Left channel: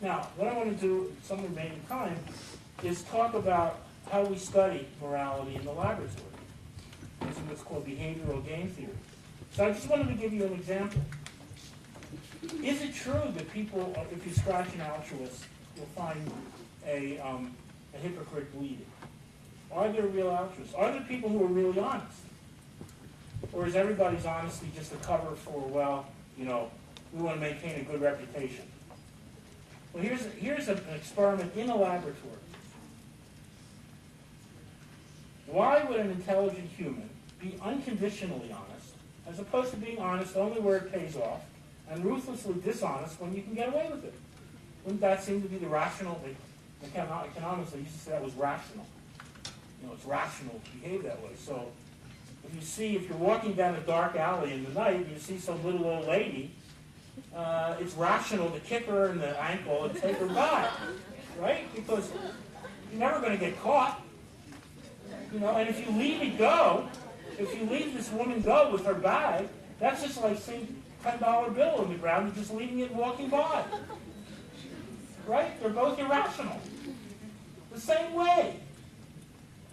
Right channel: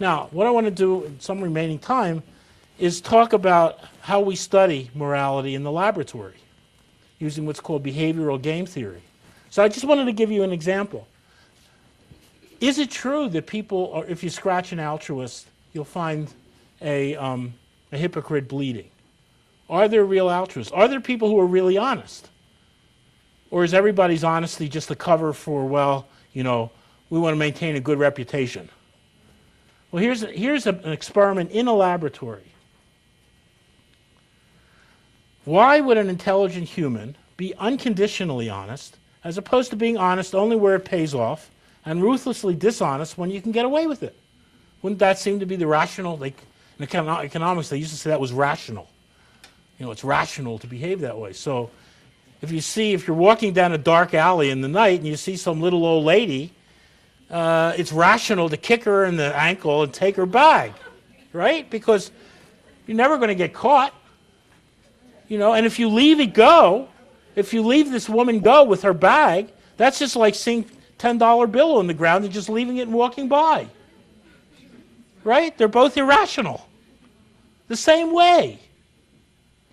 Now, what I want to do in some remaining time is talk about how we study morality in the laboratory using what's called behavioral game theory. So I just wanted to give you an example. Is it true that people, or if you scratch an altruist, you'll find a hypocrite bleeding? Are there real altruists? Are there people who are really honest? Or is everybody's honesty just a cover for, well, we want to maintain a good reputation? Well, here's an experiment in a laboratory. Why would an intelligent human be unconditionally honest as opposed to being honest only where it pays off and ruthlessly dishonest when you can get away with it? Wouldn't that seem to be the rational, like in economics they used to say that was rational. It's rational to behave that way. So if you're walking down a dark alley in the night and you see some little old lady, it's rational to kick her in the ankle and take her bag, right? Because you're never going to get caught. And if you leave it go, if you leave this woman go with her bag, that's just like seeing $10 bill on the ground and just leaving it and walking by. Right? They're both irrational. The same way.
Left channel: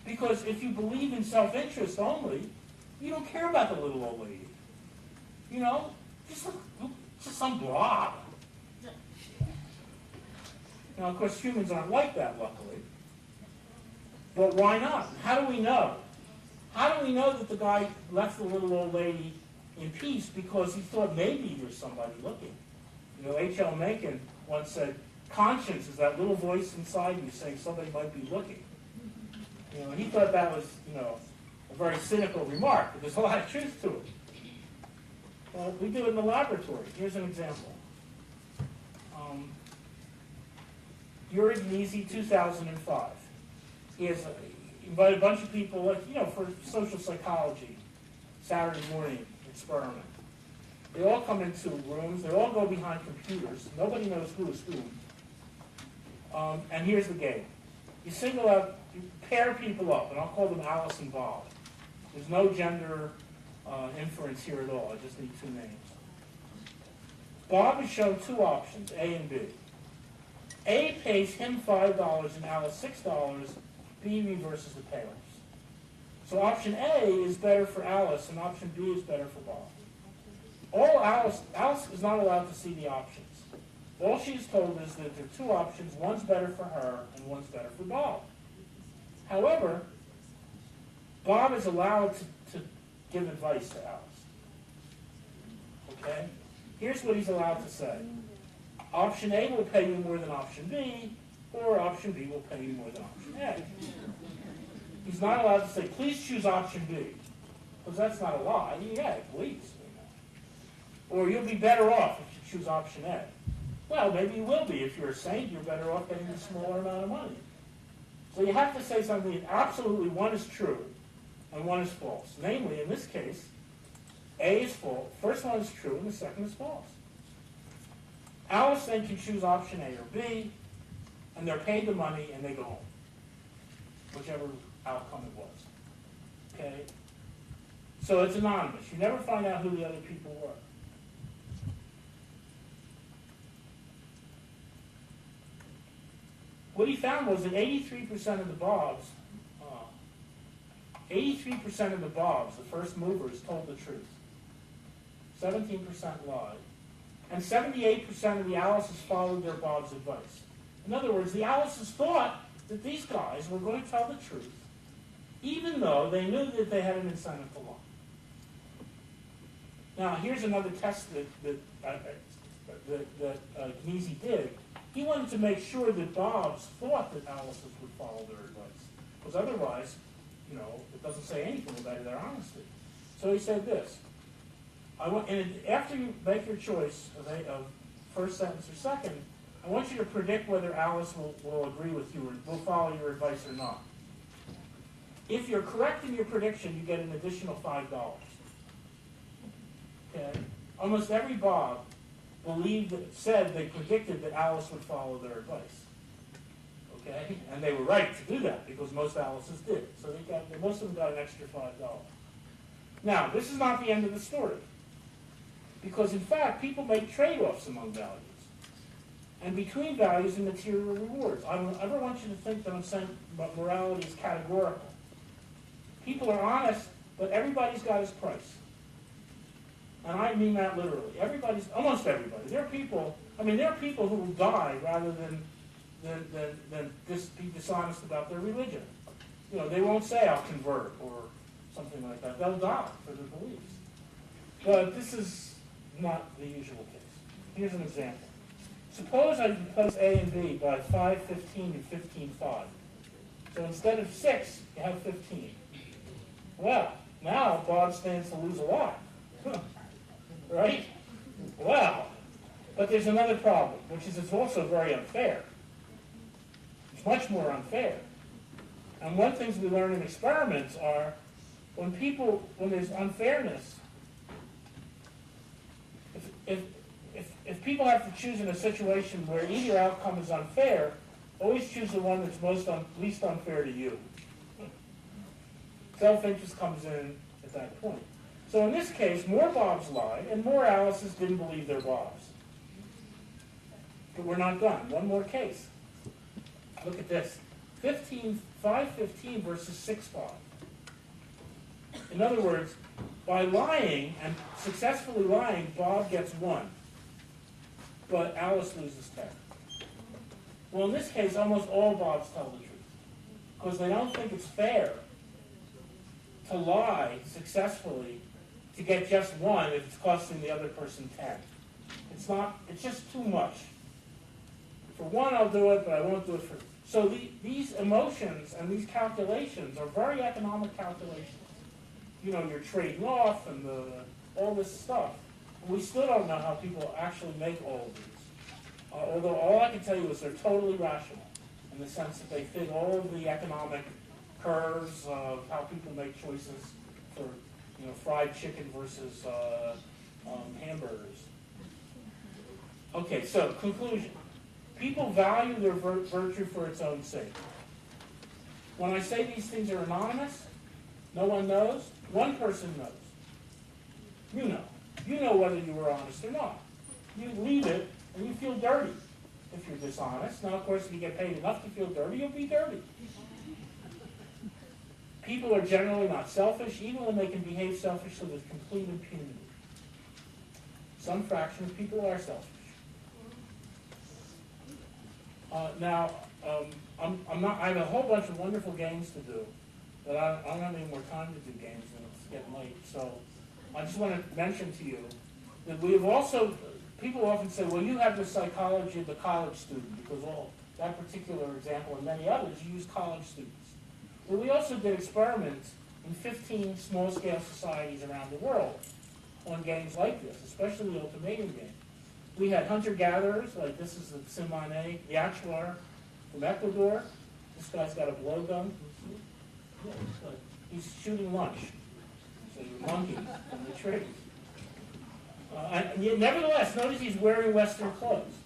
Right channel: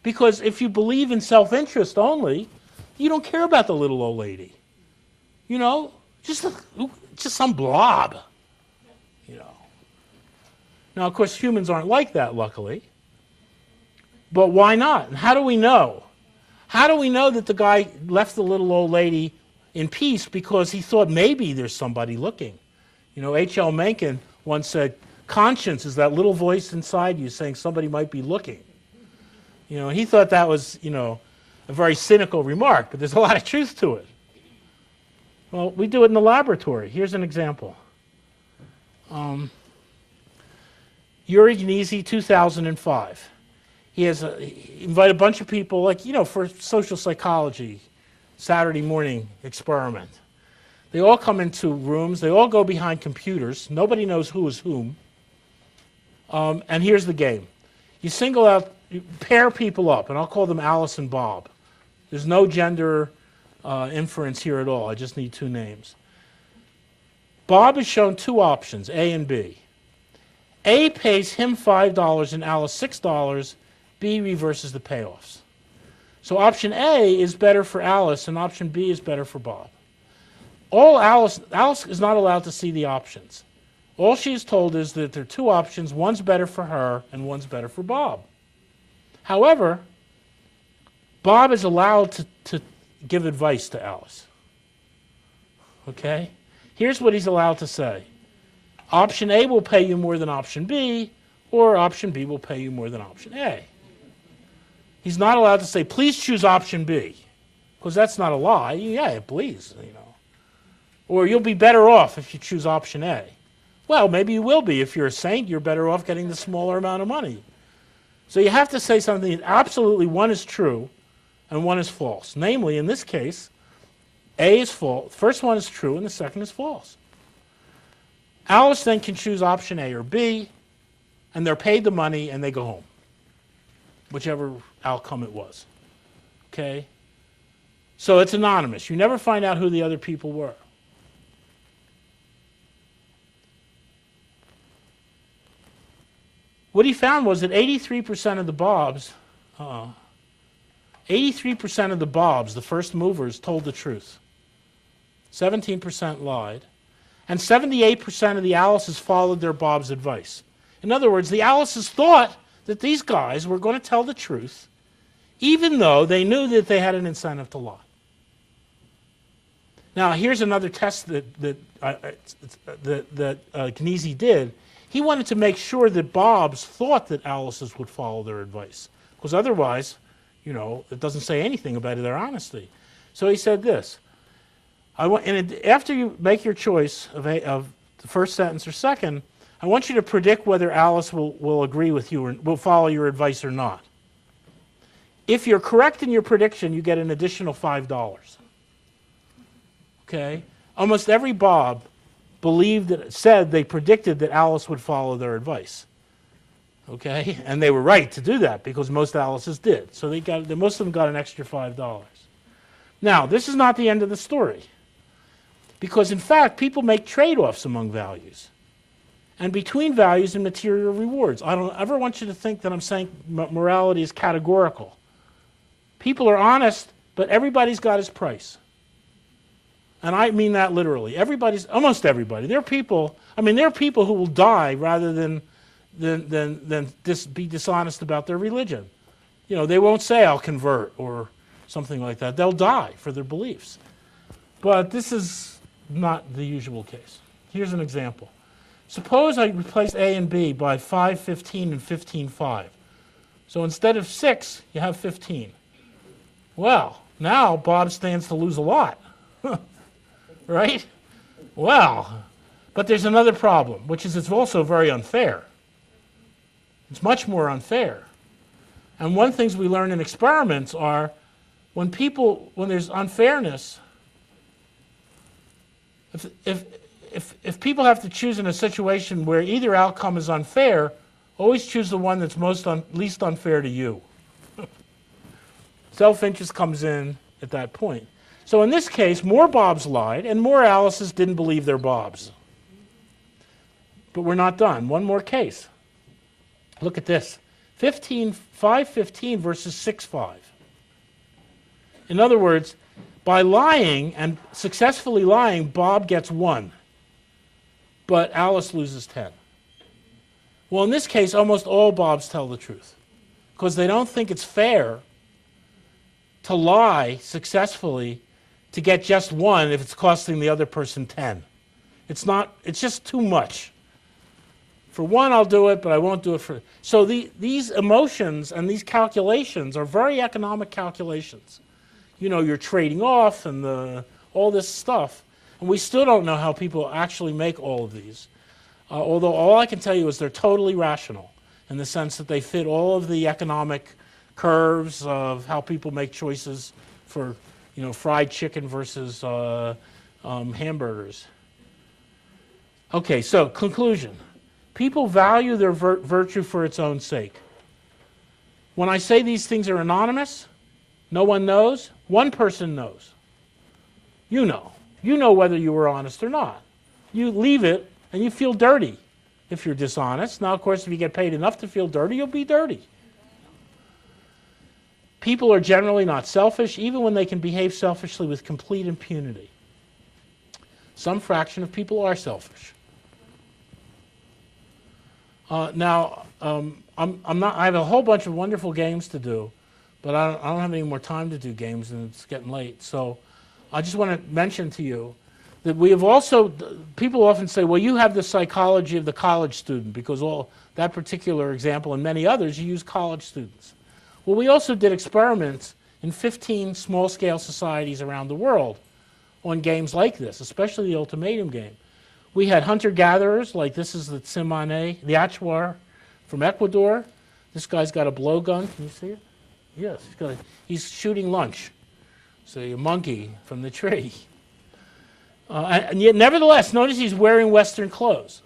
Because if you believe in self-interest only, you don't care about the little old lady. Just some blob. Now, of course, humans aren't like that, luckily. But why not? And how do we know? How do we know that the guy left the little old lady in peace because he thought maybe there's somebody looking? H.L. Mencken once said, conscience is that little voice inside you saying somebody might be looking. He thought that was, a very cynical remark, but there's a lot of truth to it. Well, we do it in the laboratory. Here's an example. Yuri Gintis, 2005. He invited a bunch of people, for social psychology, Saturday morning experiment. They all come into rooms. They all go behind computers. Nobody knows who is whom. And here's the game. You pair people up, and I'll call them Alice and Bob. There's no gender inference here at all. I just need two names. Bob is shown two options, A and B. A pays him $5 and Alice $6. B reverses the payoffs. So option A is better for Alice, and option B is better for Bob. Alice is not allowed to see the options. All she is told is that there are two options. One's better for her, and one's better for Bob. However, Bob is allowed to give advice to Alice. Okay? Here's what he's allowed to say. Option A will pay you more than option B, or option B will pay you more than option A. He's not allowed to say, please choose option B, because that's not a lie. Yeah, please. Or you'll be better off if you choose option A. Well, maybe you will be. If you're a saint, you're better off getting the smaller amount of money. So you have to say something that absolutely one is true and one is false. Namely, in this case, A is false. The first one is true and the second is false. Alice then can choose option A or B, and they're paid the money and they go home, whichever outcome it was. Okay? So it's anonymous. You never find out who the other people were. What he found was that 83% of the Bobs, the first movers, told the truth. 17% lied. And 78% of the Alices followed their Bob's advice. In other words, the Alices thought that these guys were going to tell the truth, even though they knew that they had an incentive to lie. Now, here's another test that Gintis did. He wanted to make sure that Bobs thought that Alices would follow their advice, because otherwise, it doesn't say anything about their honesty. So he said this. After you make your choice of the first sentence or second, I want you to predict whether Alice will agree with you or will follow your advice or not. If you're correct in your prediction, you get an additional $5. Okay? Almost every Bob said they predicted that Alice would follow their advice. Okay? And they were right to do that because most Alices did. So most of them got an extra $5. Now, this is not the end of the story. Because, in fact, people make trade-offs among values. and between values and material rewards. I don't ever want you to think that I'm saying morality is categorical. People are honest, but everybody's got his price. And I mean that literally. Almost everybody. There are people who will die rather than be dishonest about their religion. You know, they won't say, I'll convert, or something like that. They'll die for their beliefs. But this is not the usual case. Here's an example. Suppose I replace A and B by 5, 15, and 15, 5. So instead of 6, you have 15. Well, now Bob stands to lose a lot. Right? Well, but there's another problem, which is it's also very unfair. It's much more unfair. And one of the things we learn in experiments are when there's unfairness, if people have to choose in a situation where either outcome is unfair, always choose the one that's least unfair to you. Self-interest comes in at that point. So in this case, more Bobs lied and more Alices didn't believe their Bobs. But we're not done. One more case. Look at this. 5:15 versus 6:5. In other words, by lying and successfully lying, Bob gets 1. But Alice loses 10. Well, in this case, almost all Bobs tell the truth. Because they don't think it's fair to lie successfully to get just 1 if it's costing the other person 10. It's just too much. For 1, I'll do it, but I won't do it for... So these emotions and these calculations are very economic calculations. You know, you're trading off and all this stuff. And we still don't know how people actually make all of these. Although all I can tell you is they're totally rational in the sense that they fit all of the economic curves of how people make choices for, you know, fried chicken versus hamburgers. Okay, so conclusion. People value their virtue for its own sake. When I say these things are anonymous, no one knows, one person knows. You know. You know whether you were honest or not. You leave it and you feel dirty if you're dishonest. Now, of course, if you get paid enough to feel dirty, you'll be dirty. People are generally not selfish, even when they can behave selfishly with complete impunity. Some fraction of people are selfish. Now, I have a whole bunch of wonderful games to do, but I don't have any more time to do games, and it's getting late. So I just want to mention to you that we have also, people often say, well, you have the psychology of the college student, because that particular example and many others, you use college students. Well, we also did experiments in 15 small-scale societies around the world on games like this, especially the Ultimatum game. We had hunter-gatherers, like this is the Tsimane, the Achuar from Ecuador. This guy's got a blowgun. Can you see it? Yes, he's shooting lunch. So a monkey from the tree. And yet, nevertheless, notice he's wearing Western clothes.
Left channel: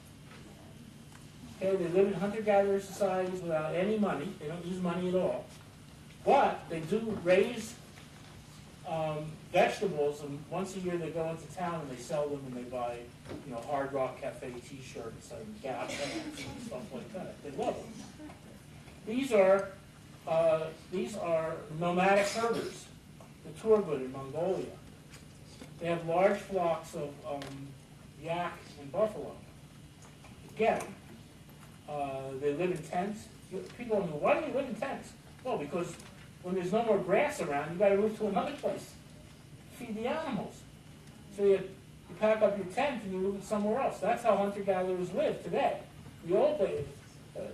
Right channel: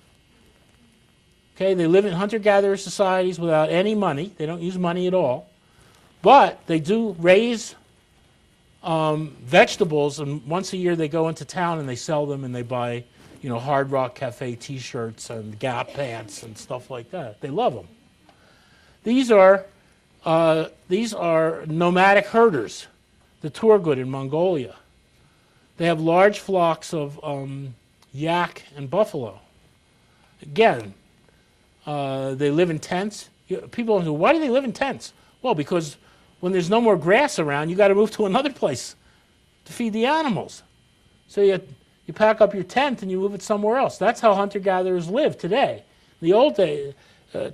Okay, they live in hunter-gatherer societies without any money. They don't use money at all. But they do raise vegetables, and once a year they go into town and they sell them and they buy, you know, Hard Rock Cafe T-shirts and Gap pants and stuff like that. They love them. These are nomadic herders, the Turgut in Mongolia. They have large flocks of yak and buffalo. Again, they live in tents. People say, why do they live in tents? Well, because when there's no more grass around, you got to move to another place to feed the animals. So you pack up your tent and you move it somewhere else. That's how hunter-gatherers live today. In the old days,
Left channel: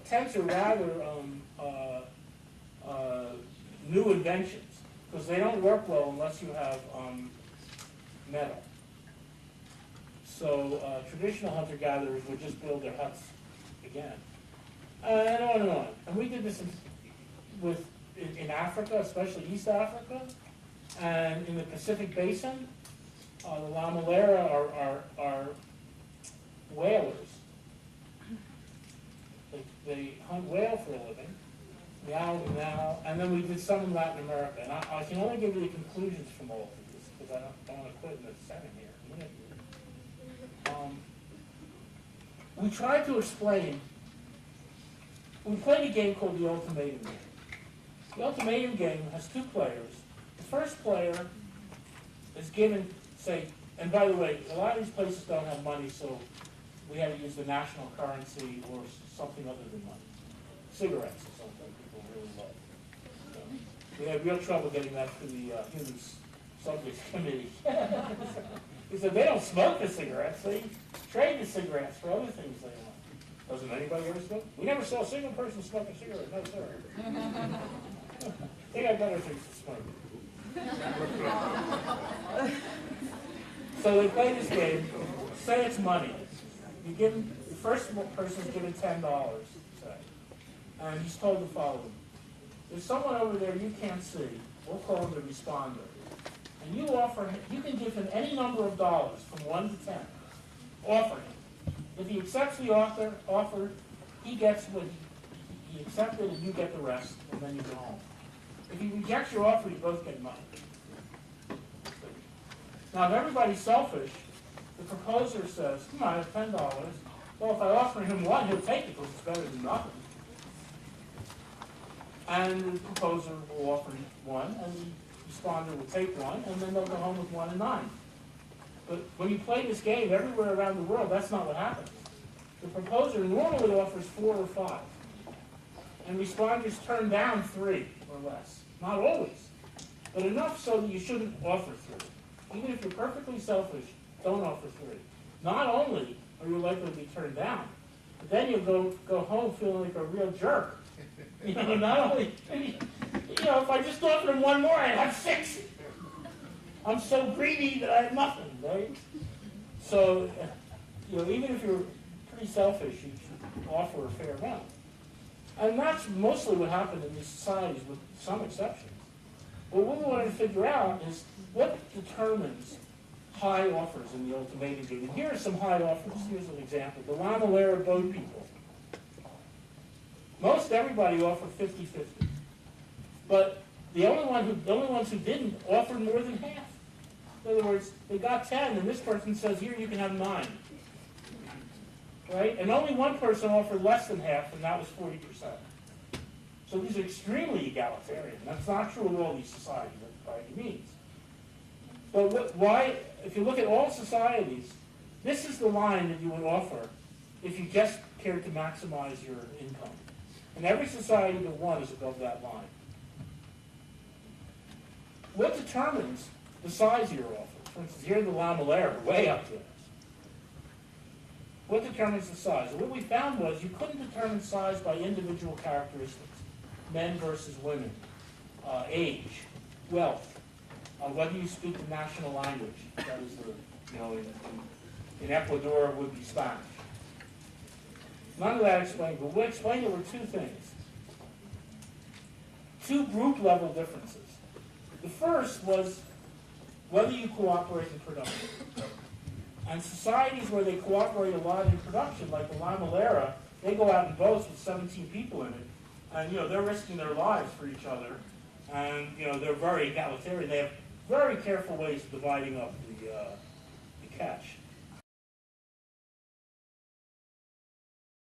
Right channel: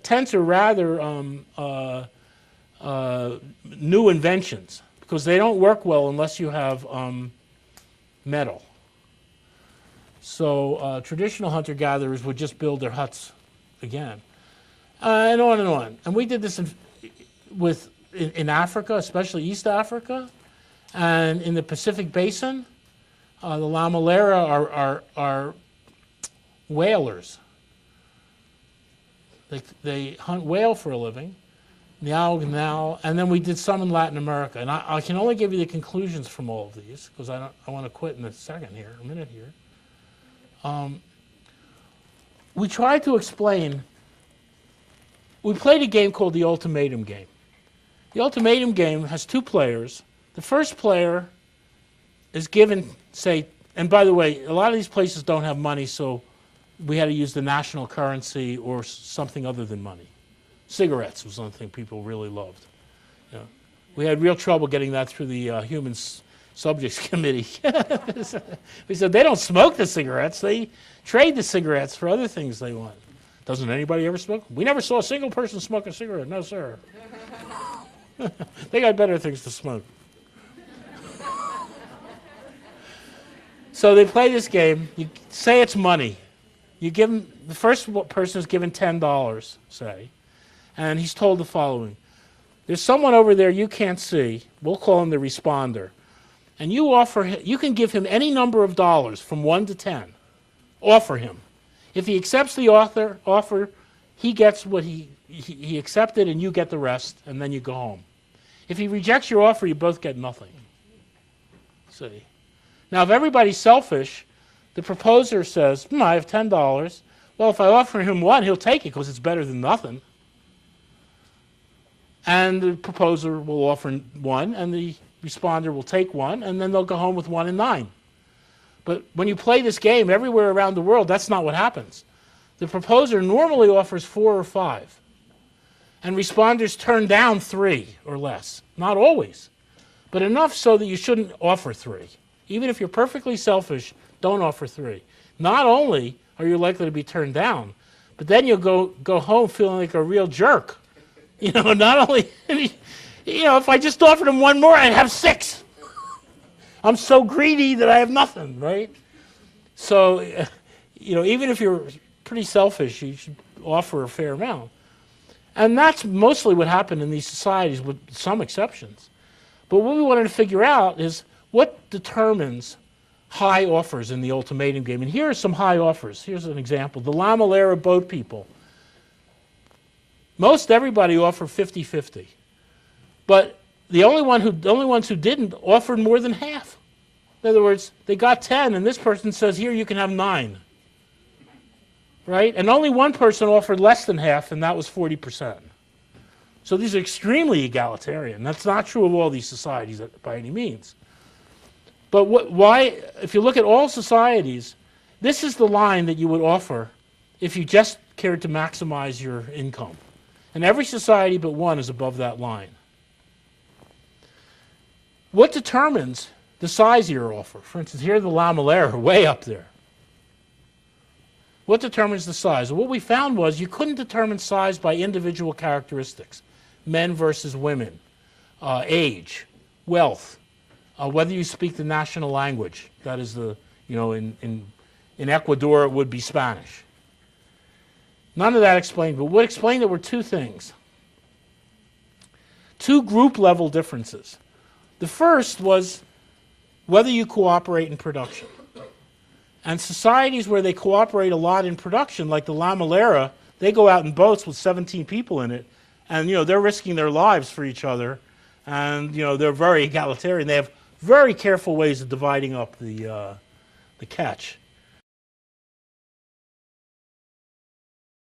tents are rather new inventions because they don't work well unless you have metal. So traditional hunter-gatherers would just build their huts again. And on and on. And we did this in Africa, especially East Africa, and in the Pacific Basin. The Lamalera are whalers. They hunt whale for a living, and then we did some in Latin America. And I can only give you the conclusions from all of these, because I want to quit in a minute here. we tried to explain, we played a game called the Ultimatum game. The Ultimatum game has two players. The first player is given, say, and by the way, a lot of these places don't have money, so we had to use the national currency or something other than money. Cigarettes was one thing people really loved. You know, we had real trouble getting that through the Human Subjects Committee. We said, they don't smoke the cigarettes, they trade the cigarettes for other things they want. Doesn't anybody ever smoke? We never saw a single person smoke a cigarette. No, sir. They got better things to smoke. So they play this game. You say it's money. You give them, the first person is given $10, say, and he's told the following. There's someone over there you can't see. We'll call him the responder. And you offer him, you can give him any number of dollars from 1 to 10. Offer him. If he accepts the offer, he gets what he accepted and you get the rest, and then you go home. If he rejects your offer, you both get nothing. See? Now, if everybody's selfish, the proposer says, I have $10. Well, if I offer him 1, he'll take it because it's better than nothing. And the proposer will offer 1, and the responder will take 1, and then they'll go home with 1 and 9. But when you play this game everywhere around the world, that's not what happens. The proposer normally offers 4 or 5. And responders turn down 3 or less. Not always, but enough so that you shouldn't offer 3. Even if you're perfectly selfish, don't offer 3. Not only are you likely to be turned down, but then you'll go home feeling like a real jerk. You know, not only, you know, if I just offered him 1 more, I'd have 6. I'm so greedy that I have nothing, right? So, you know, even if you're pretty selfish, you should offer a fair amount. And that's mostly what happened in these societies, with some exceptions. But what we wanted to figure out is what determines high offers in the Ultimatum game. And here are some high offers. Here's an example. The La Malera boat people. Most everybody offered 50-50. But the only ones who didn't offered more than half. In other words, they got 10, and this person says, here, you can have 9. Right? And only one person offered less than half, and that was 40%. So these are extremely egalitarian. That's not true of all these societies by any means. But why, if you look at all societies, this is the line that you would offer if you just cared to maximize your income. And every society but one is above that line. What determines the size of your offer? For instance, here the La Malera, way up there. What determines the size? Well, what we found was you couldn't determine size by individual characteristics. Men versus women, age, wealth, whether you speak the national language. That is the, you know, in Ecuador it would be Spanish. None of that explained, but what explained it were 2 things. 2 group level differences. The first was whether you cooperate in production. And societies where they cooperate a lot in production, like the La Malera, they go out in boats with 17 people in it, and you know they're risking their lives for each other, and you know they're very egalitarian. They have very careful ways of dividing up the catch.